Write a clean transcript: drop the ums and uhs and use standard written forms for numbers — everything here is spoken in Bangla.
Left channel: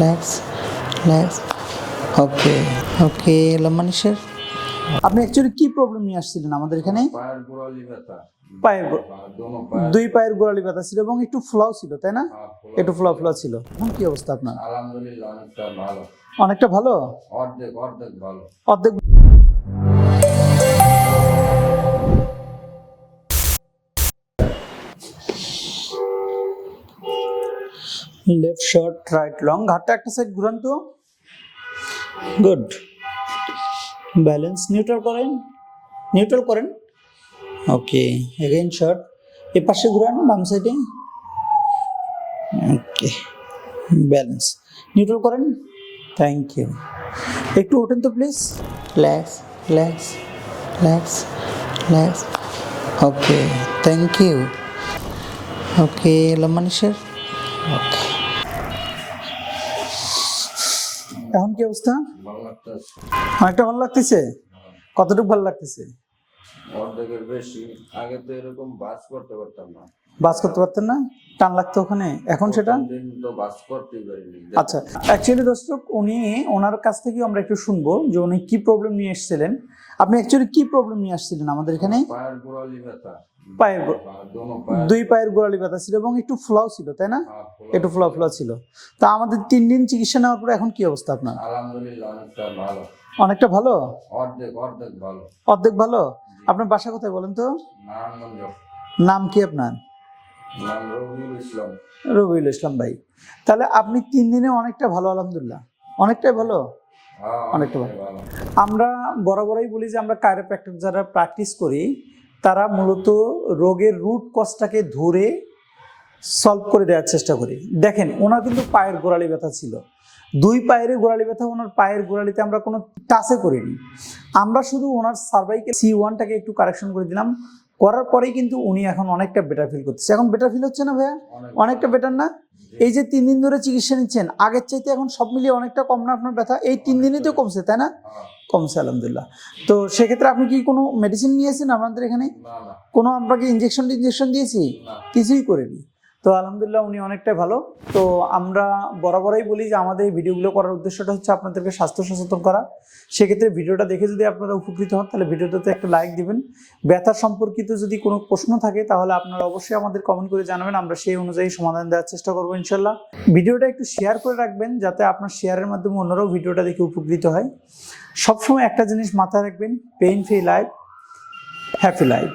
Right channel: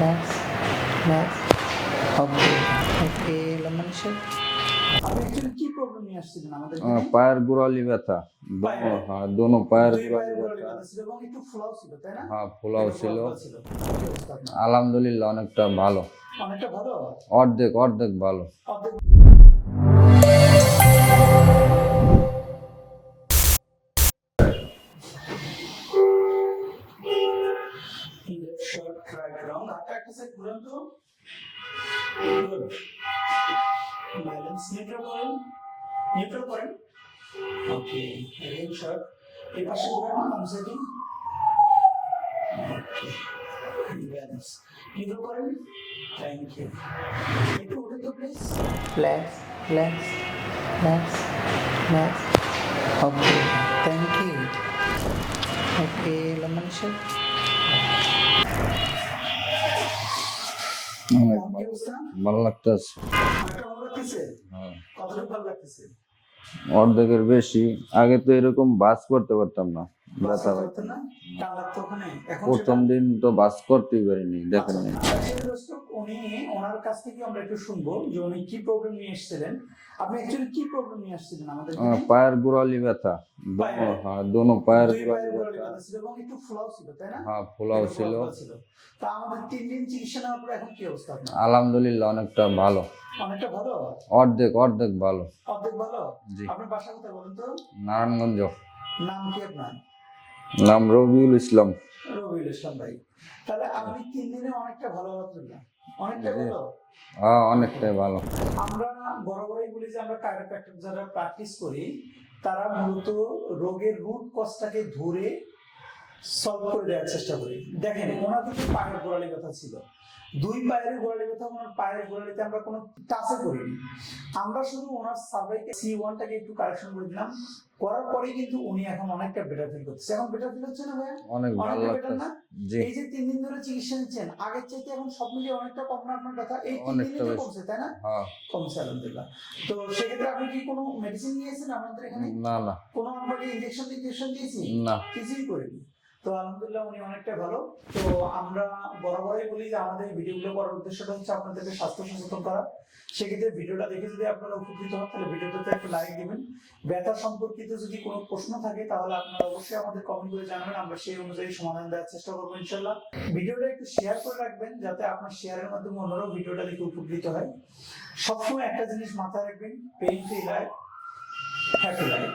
Relax relax. ওকে ওকে, লম্বা নিঃশ্বাস। আপনি অ্যাকচুয়ালি কি প্রবলেম নিয়ে আসছিলেন আমাদের এখানে? পায়ের গোড়ালি ব্যথা। পায়ের দোনো পায়ের দুই পায়ের গোড়ালি ব্যথা ছিল এবং একটু ফ্লাও ছিল, তাই না? একটু ফ্লাও ছিল। এখন কি অবস্থা আপনার? আলহামদুলিল্লাহ অনেকটা ভালো। অনেকটা ভালো, অর্ধেক অর্ধেক ভালো। অর্ধেক। লেফট শর্ট রাইট লং, ঘাটটা একটা সাইড ঘুরান তো। গুড। ব্যালেন্স নিউট্রাল করেন, নিউট্রাল করেন। Okay, again short. এই পাশে ঘুরান, বাম সাইডে। ওকে, ব্যালেন্স নিউট্রাল করেন। Thank you. একটু ওঠেন তো please. Relax relax relax relax. Okay, thank you. Okay, লম্বা নিঃশ্বাস। ওকে, এখন কি অবস্থা? ভালো লাগতেছে। অনেকটা ভালো লাগতেছে। কতটুকু ভালো লাগতেছে? অর্ধেকের বেশি। আগে তো এরকম বাস করতে পারতাম না। বাস করতে পারতেন না, টান লাগতো ওখানে, এখন সেটা? প্রথম দিন তো বাস করতেই পারিনি। আচ্ছা, অ্যাকচুয়ালি দর্শক, ওনার কাছ থেকে আমরা একটু শুনবো যে উনি কি প্রবলেম নিয়ে এসেছিলেন। আপনি অ্যাকচুয়ালি কি প্রবলেম নিয়ে আসছিলেন আমাদের এখানে? পায়ের গোড়ালি ব্যথা। পায়ের দোনো পায়ের দুই পায়ের গোড়ালি ব্যথা ছিল এবং একটু ফ্লাও ছিল, তাই না? একটু ফ্লাও ছিল। তা আমাদের 3 দিন চিকিৎসা নেওয়ার পরে এখন কি অবস্থা আপনার? আলহামদুলিল্লাহ অনেকটা ভালো। অনেকটা ভালো, অর্ধেক অর্ধেক ভালো। অর্ধেক ভালো। আপনার বাসা কোথায় বলেন তো? নারায়ণগঞ্জ। নাম কি আপনার? নাম রবিউল ইসলাম। রবিউল ইসলাম ভাই। তাহলে আপনি 3 দিনে অনেকটা ভালো, আলহামদুলিল্লাহ অনেকটাই ভালো। অনেকটাই ভালো। আমরা বরাবরই বলি যে আমরা কাইরোপ্র্যাক্টর যারা প্র্যাকটিস করি তারা মূলত রোগের রুট কজটাকে ধরে সলভ করে দেওয়ার চেষ্টা করি। দেখেন, ওনার কিন্তু পায়ের গোড়ালি ব্যথা ছিল, 2 পায়ের গোড়ালি ব্যথা। ওনার পায়ের গোড়ালিতে আমরা কোনো টাচে করিনি, আমরা শুধু ওনার সার্ভাইকেল C1টাকে একটু কারেকশন করে দিলাম। করার পরেই কিন্তু উনি এখন অনেকটা বেটার ফিল করতেছে। এখন বেটার ফিল হচ্ছে না ভাইয়া? অনেকটা বেটার না? এই যে 3 দিন ধরে চিকিৎসা নিচ্ছেন, আগের চাইতে এখন সব মিলিয়ে অনেকটা কম না আপনার ব্যথা? এই 3 দিনই তো কমছে, তাই না? কমছে, আলহামদুলিল্লাহ। তো সেক্ষেত্রে আপনি কি কোনো মেডিসিন নিয়েছেন আমাদের এখানে? না না। কোনো আপনাকে ইনজেকশন দিয়েছি? না, কিছুই করিনি। তো আলহামদুলিল্লাহ উনি অনেকটাই ভালো। তো আমরা বরাবরই বলি যে আমাদের এই ভিডিওগুলো করার উদ্দেশ্যটা হচ্ছে আপনাদেরকে স্বাস্থ্য সচেতন করা। সেক্ষেত্রে ভিডিওটা দেখে যদি আপনারা উপকৃত হন তাহলে ভিডিওটাতে একটা লাইক দিবেন। ব্যথা সম্পর্কিত যদি কোনো প্রশ্ন থাকে তাহলে আপনারা অবশ্যই আমাদের কমেন্ট করে জানাবেন, আমরা সেই অনুযায়ী সমাধান দেওয়ার চেষ্টা করবো ইনশাল্লাহ। ভিডিওটা একটু শেয়ার করে রাখবেন যাতে আপনার শেয়ারের মাধ্যমে অন্যরাও ভিডিওটা দেখে উপকৃত হয়। সবসময় একটা জিনিস মাথায় রাখবেন, pain free life, happy life.